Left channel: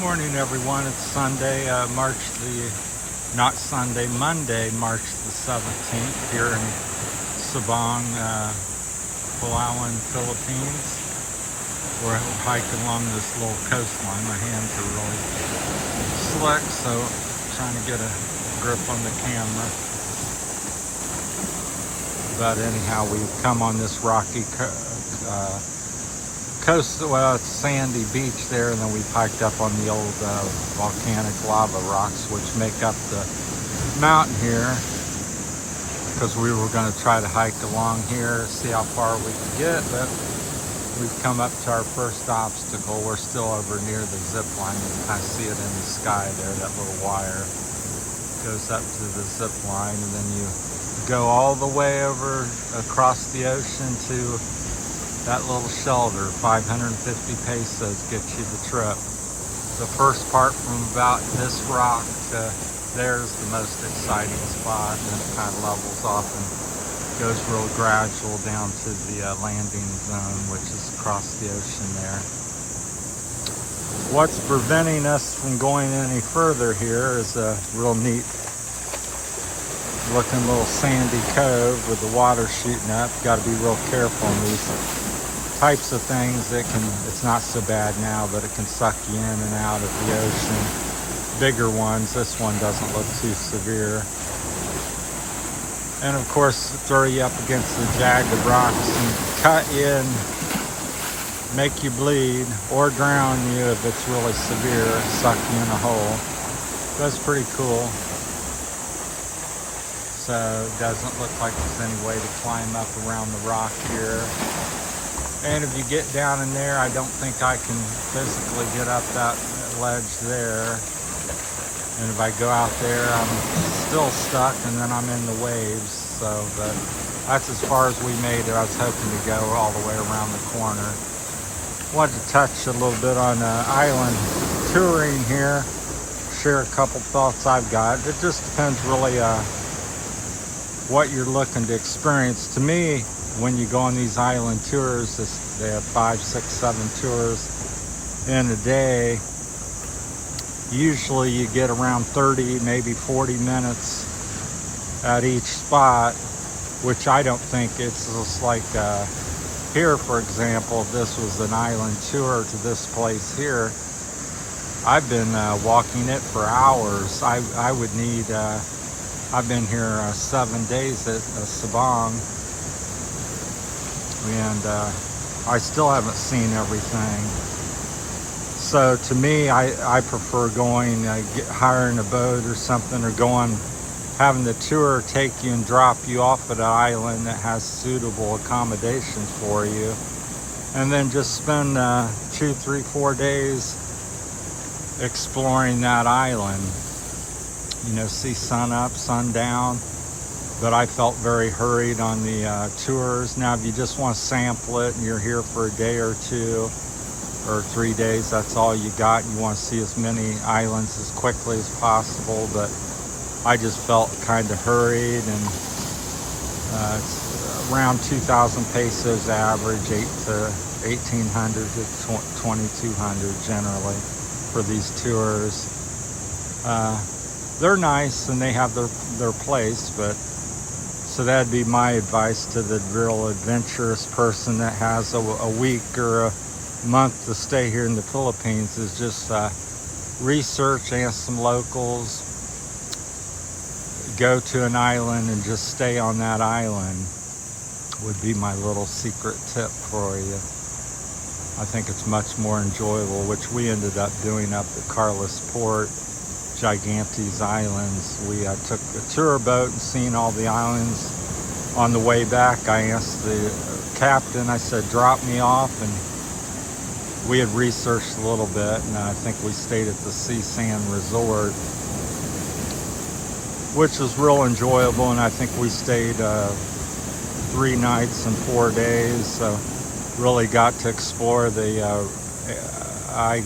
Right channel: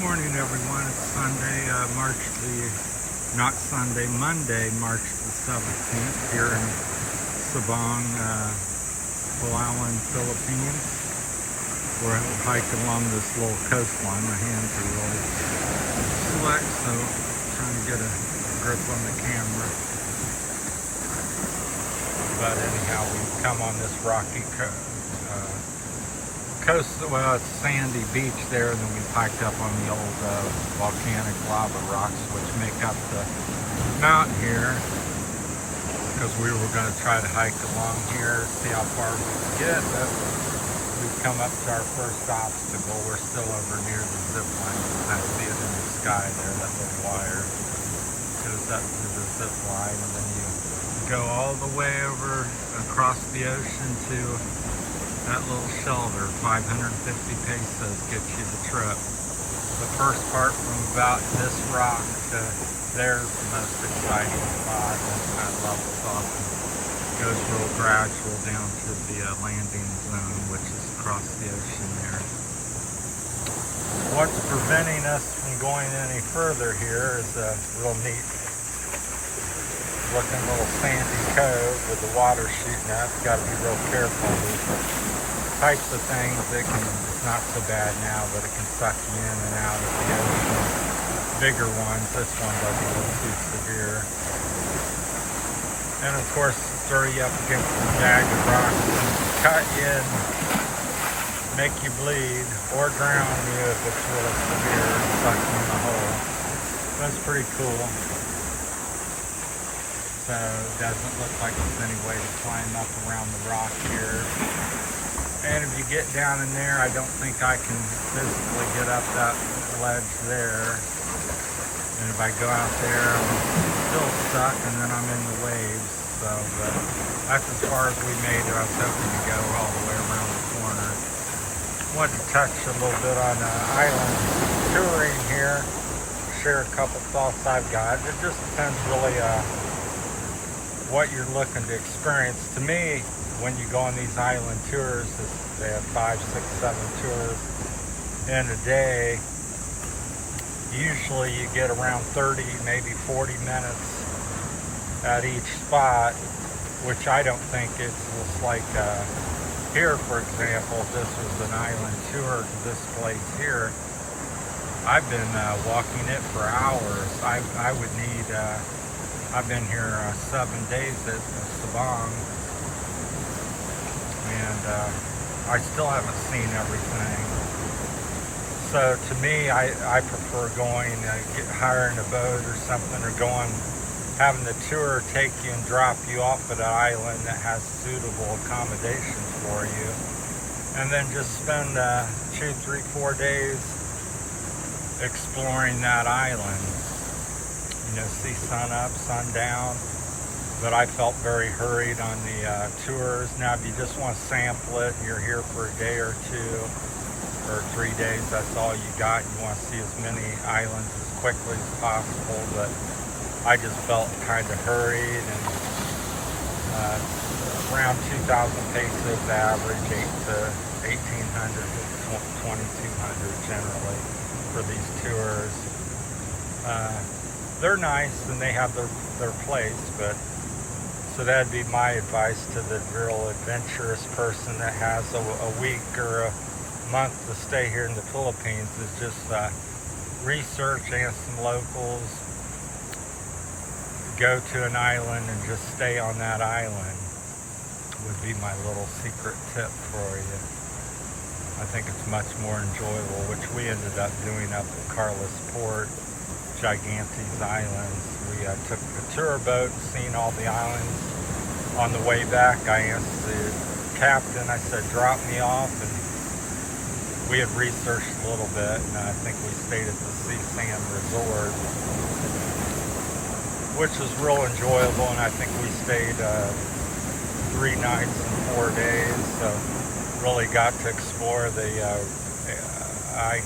Morning, everyone. It's Sunday, Monday, March the 17th, here in Sabang, Palawan, Philippines. We're hiking along this little coastline. My hands are really slick, so I'm trying to get a grip on the camera. But anyhow, we've come on this rocky coast, well, it's sandy beach there, and then we hiked up on the old volcanic lava rocks, which make up the mountain here, because we were going to try to hike along here, see how far we can get, but we've come up to our first obstacle. We're still over near the zip line. You can kind of see it in the sky there, that little wire goes up to the zip line, and then you go all the way over across the ocean to that little shelter. 550 pesos gets you the trip. The first part from about this rock to there's the most exciting spot, and it kind of levels off and goes real gradual down to the landing zone, which is across the ocean there. What's preventing us from going any further here is a real neat looking little sandy cove with the water shooting up. Got to be real careful in these types of things. It's not so bad now, but it can suck you in and out of the ocean. Bigger ones, this one doesn't look too severe. And of course, throw you up against the jagged rocks and cut you and make you bleed or drown you if it's really severe, suck you in a hole. That's pretty cool. So it doesn't look like there's any way to climb up around the rock here. And if you get down in there, I don't think I can physically get up that ledge there. And if I go out there, I'm still stuck, and then I'm in the waves. So that's as far as we made it. I was hoping to go all the way around the corner. Wanted to touch a little bit on island touring here. Share a couple thoughts I've got. It just depends really what you're looking to experience. To me, when you go on these island tours, they have 5, 6, 7 tours in a day. Usually you get around 30, maybe 40 minutes at each spot, which I don't think it's just like here, for example, if this was an island tour to this place here, I've been walking it for hours. I would need, I've been here 7 days at Sabang, and I still haven't seen everything. So to me, I prefer going, hiring a boat or something, or having the tour take you and drop you off at an island that has suitable accommodations for you, and then just spend 2, 3, 4 days exploring that island. You know, see sun up, sun down. But I felt very hurried on the tours. Now, if you just want to sample it and you're here for a day or 2 or 3 days, that's all you got. You want to see as many islands as quickly as possible, but I just felt kind of hurried, and it's around 2,000 pesos average, 1,800 to 2,200 generally for these tours. They're nice and they have their place, but so that'd be my advice to the real adventurous person that has a week or a month to stay here in the Philippines, is just research, ask some locals, go to an island and just stay on that island would be my little secret tip for you. I think it's much more enjoyable, which we ended up doing up at Carlos Port, Gigantes Islands. We took the tour boat and seen all the islands. On the way back, I asked the captain, I said, drop me off, and we had researched a little bit, and I think we stayed at the Sea Sand Resort, which was real enjoyable, and I think we stayed 3 nights and 4 days, so really got to explore the I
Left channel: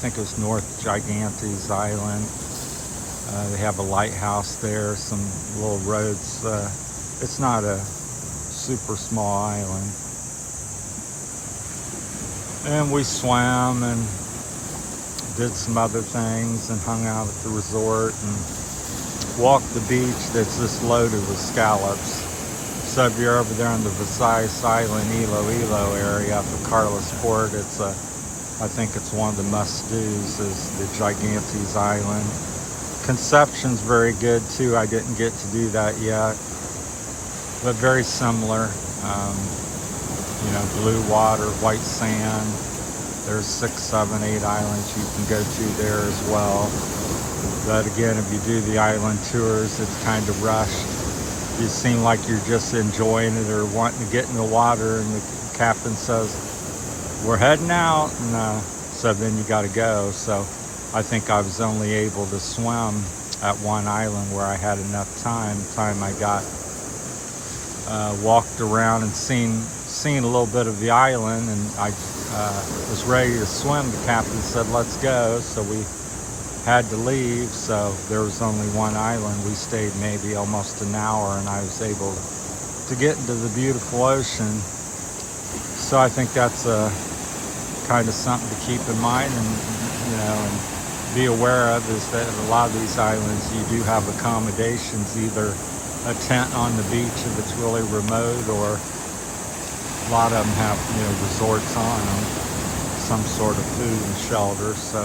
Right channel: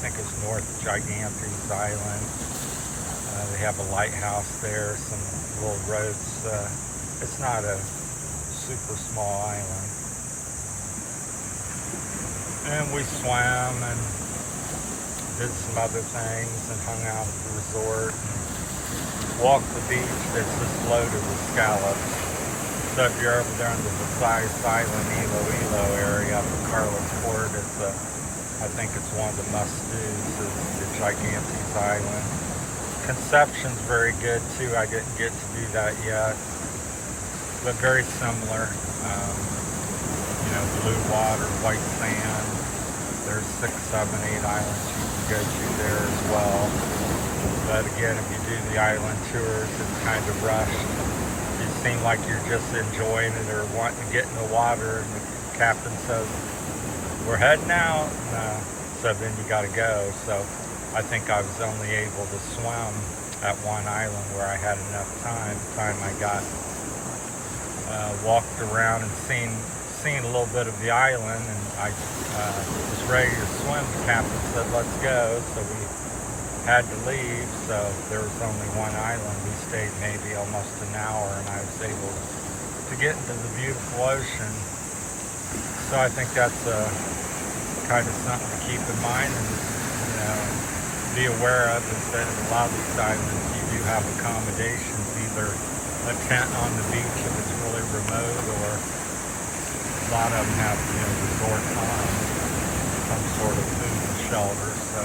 think it was North Gigantes Island. They have a lighthouse there, some little roads. It's not a super small island. And we swam and did some other things and hung out at the resort and walked the beach that's just loaded with scallops. So if you're over there in the Visayas Island, Iloilo area for Carlos Port, it's I think it's one of the must-dos is the Gigantes Island. Conception's very good too. I didn't get to do that yet, but very similar. You know, blue water, white sand. There's 6, 7, 8 islands you can go to there as well. But again, if you do the island tours, it's kind of rushed. You seem like you're just enjoying it or wanting to get in the water, and the captain says, "We're heading out," and so then you got to go. So I think I was only able to swim at one island where I had enough time. I got walked around and seen a little bit of the island, and I was ready to swim. The captain said, "Let's go," so we had to leave. So there was only one island. We stayed maybe almost an hour, and I was able to get into the beautiful ocean. So I think that's kind of something to keep in mind, and you know, and be aware of, is that a lot of these islands you do have accommodations, either a tent on the beach if it's really remote, or a lot of them have, you know, resorts on them, some sort of food and shelter. So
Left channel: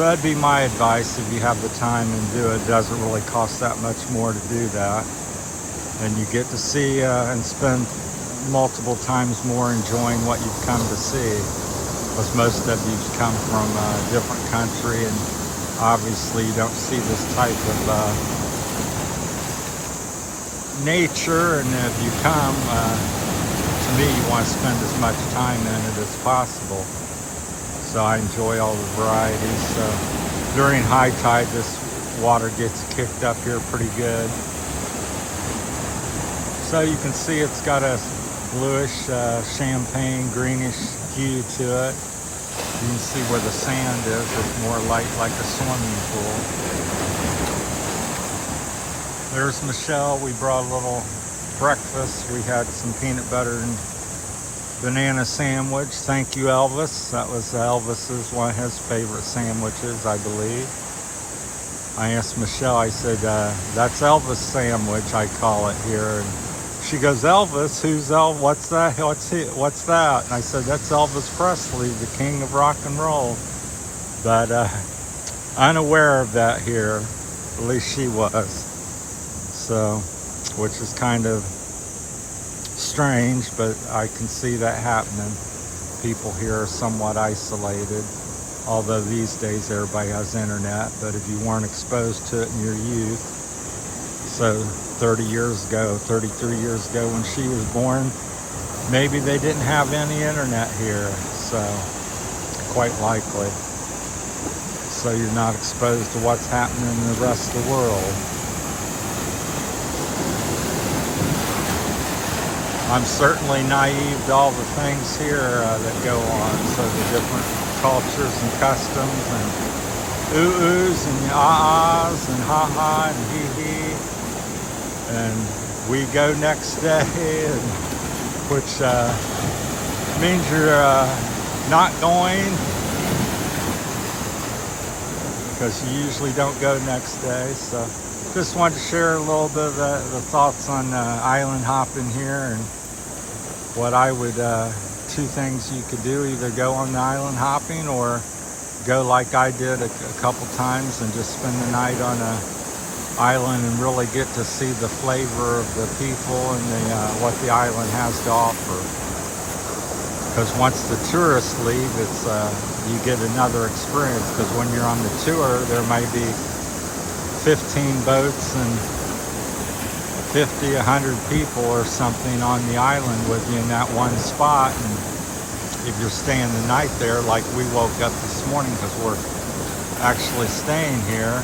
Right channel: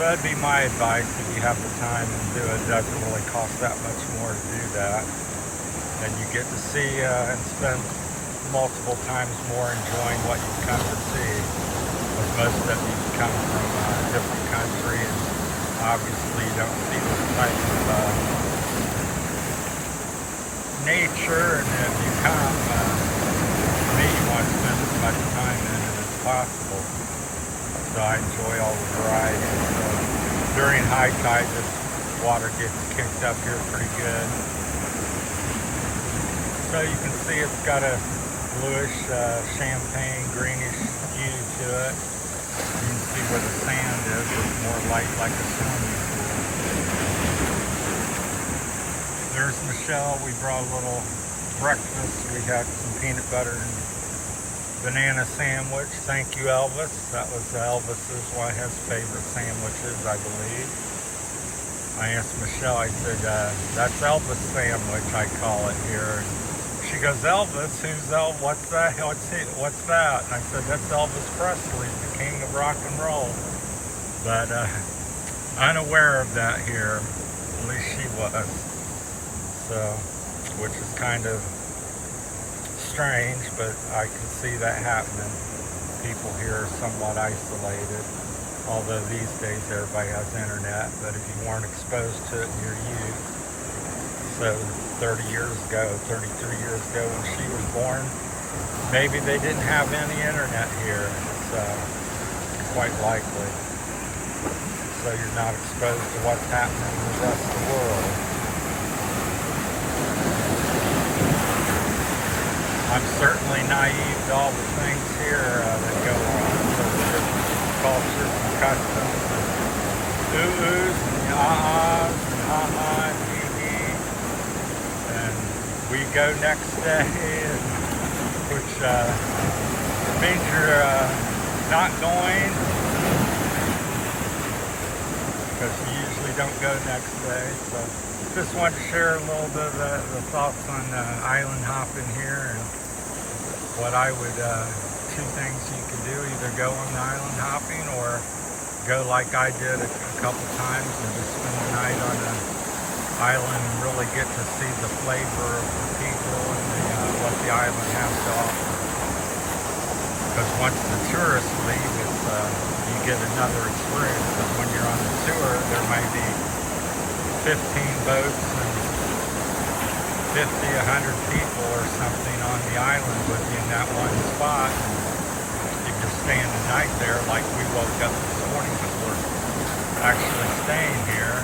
that'd be my advice. If you have the time and do it, it doesn't really cost that much more to do that, and you get to see and spend multiple times more enjoying what you've come to see, because most of you come from a different country, and obviously you don't see this type of nature. And if you come, to me, you want to spend as much time in it as possible. So I enjoy all the varieties. During high tide, this water gets kicked up here pretty good. So you can see it's got a bluish, champagne, greenish hue to it. You can see where the sand is. It's more like a swimming pool. There's Michelle. We brought a little breakfast. We had some peanut butter and banana sandwich. Thank you, Elvis. That was Elvis's, one of his favorite sandwiches, I believe. I asked Michelle, I said, that's Elvis sandwich, I call it here. And she goes, "Elvis? Who's Elvis? What's that? What's that?" And I said, "That's Elvis Presley, the king of rock and roll." But unaware of that here, at least she was. So, which is kind of strange, but I can see that happening. People here are somewhat isolated, although these days everybody has internet. But if you weren't exposed to it in your youth, so 30 years ago, 33 years ago when she was born, maybe they didn't have any internet here, so quite likely. So you're not exposed to what's happening in the rest of the world. I'm certainly naive to all the things here that go on, so different cultures and customs, and ooh-oohs and ah-ahs and ha-ha and hee-hee. And we go next day, which means you're not going, because you usually don't go next day. So just wanted to share a little bit of the thoughts on island hopping here, and what I would, two things you could do: either go on the island hopping, or go like I did a couple times and just spend the night on a island and really get to see the flavor of the people and what the island has to offer. Because once the tourists leave, it's you get another experience, because when you're on the tour, there might be 15 boats and 50, 100 people or something on the island with you in that one spot. And if you're staying the night there, like we woke up this morning because we're actually staying here,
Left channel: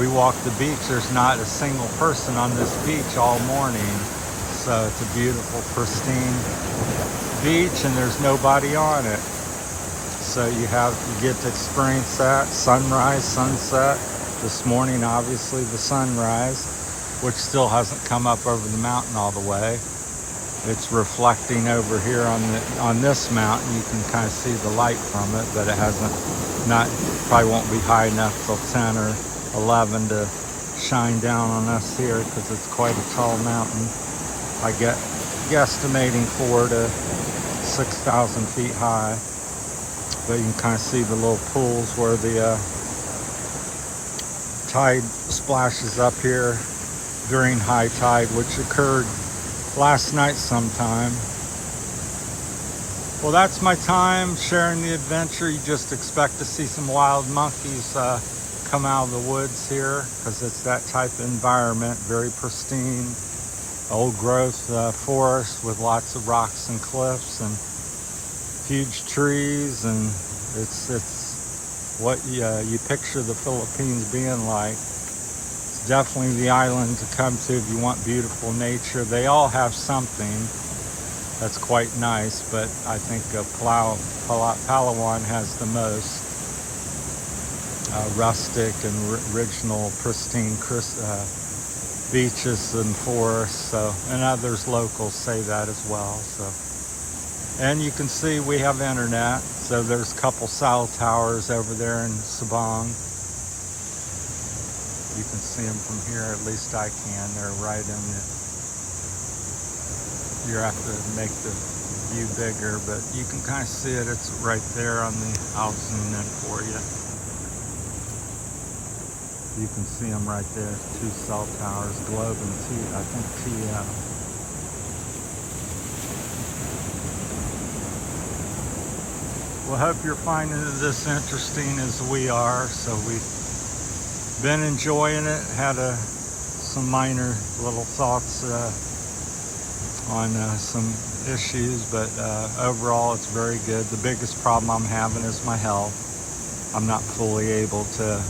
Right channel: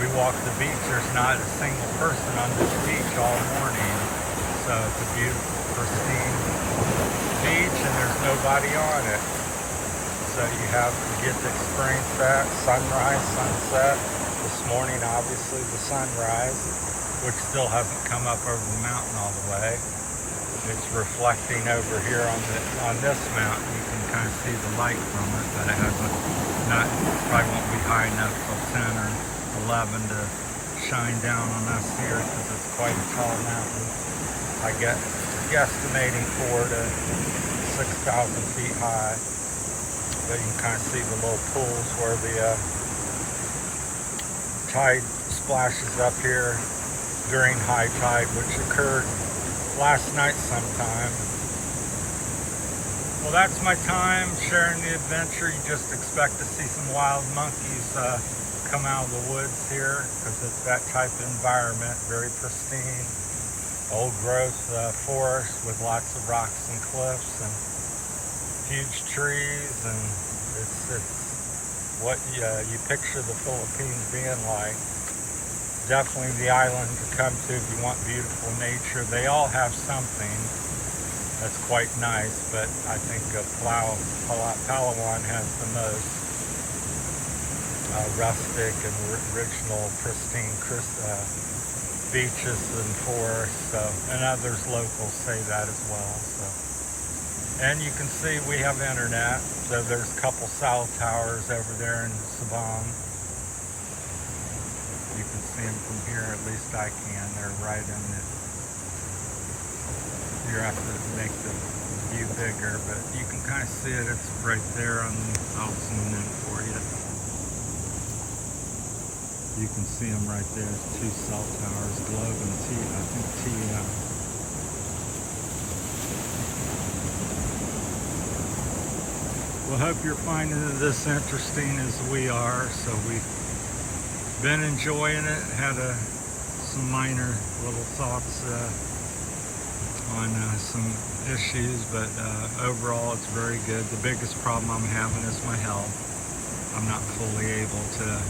we walked the beach. There's not a single person on this beach all morning. So it's a beautiful, pristine beach, and there's nobody on it. So you get to experience that sunrise, sunset. This morning, obviously, the sunrise, which still hasn't come up over the mountain all the way. It's reflecting over here on this mountain. You can kind of see the light from it, but it hasn't, probably won't be high enough till 10 or 11 to shine down on us here because it's quite a tall mountain. I get guesstimating 4,000 to 6,000 feet high. But you can kind of see the little pools where the tide splashes up here during high tide, which occurred last night sometime. Well, that's my time sharing the adventure. You just expect to see some wild monkeys come out of the woods here because it's that type of environment, very pristine, old growth forest with lots of rocks and cliffs and huge trees, and it's what you picture the Philippines being like. It's definitely the island to come to if you want beautiful nature. They all have something that's quite nice, but I think Palawan has the most rustic and original, pristine beaches and forests. So, and others locals say that as well. So, and you can see we have internet. So there's a couple cell towers over there in Sabang. You can see them from here, at least I can. They're right in the, you have to make the view bigger, but you can kind of see it. It's right there on the, I'll zoom in for you. You can see them right there, 2 cell towers, Globe and I think TM. Well, hope you're finding this interesting as we are. So we've been enjoying it. Had some minor little thoughts on some issues, but overall it's very good. The biggest problem I'm having is my health. I'm not fully able to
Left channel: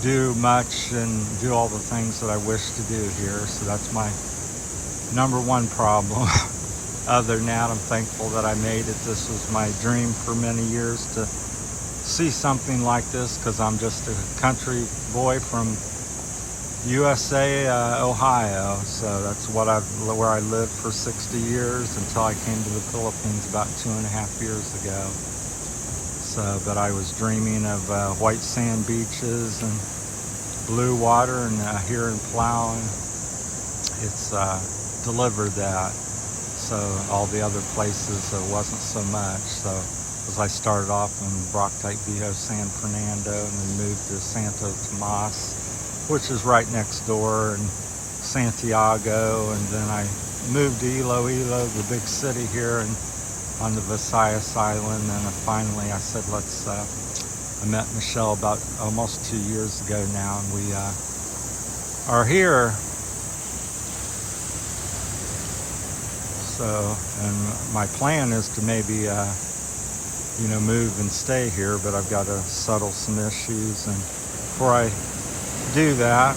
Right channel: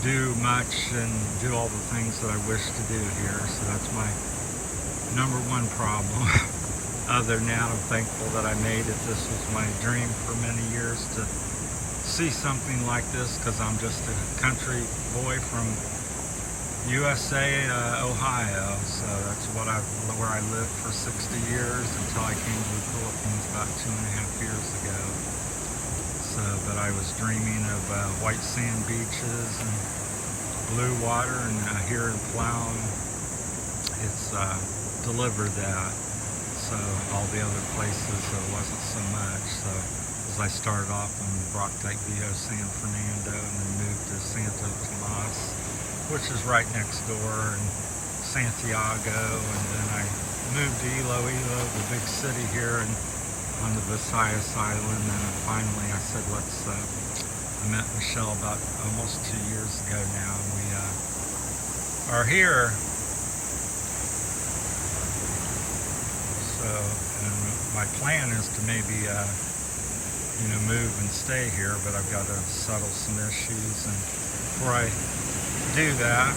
do much and do all the things that I wish to do here. So that's my #1 problem. Other than that, I'm thankful that I made it. This was my dream for many years to see something like this, because I'm just a country boy from USA, Ohio. So that's where I lived for 60 years until I came to the Philippines about 2.5 years ago. So, but I was dreaming of white sand beaches and blue water, and here in Palawan, it's delivered that. So all the other places wasn't so much. So as I started off in Broctite Viejo, San Fernando, and then moved to Santo Tomas, which is right next door, and Santiago, and then I moved to Iloilo, the big city here, and on the Visayas Island, and finally I said, I met Michelle about almost 2 years ago now, and we are here. So, and my plan is to maybe, move and stay here, but I've got to settle some issues, and before I do that,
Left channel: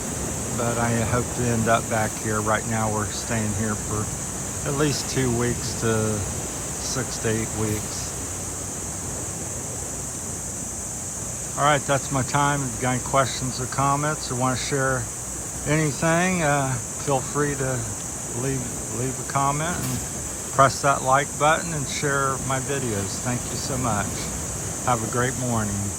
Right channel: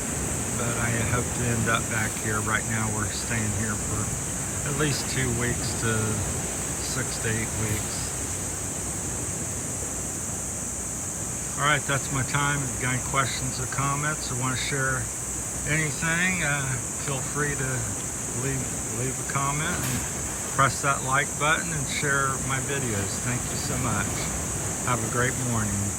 but I hope to end up back here. Right now we're staying here for at least 2 weeks to 6 to 8 weeks. All right, that's my time. If you got any questions or comments or want to share anything, feel free to leave a comment and press that like button and share my videos. Thank you so much. Have a great morning.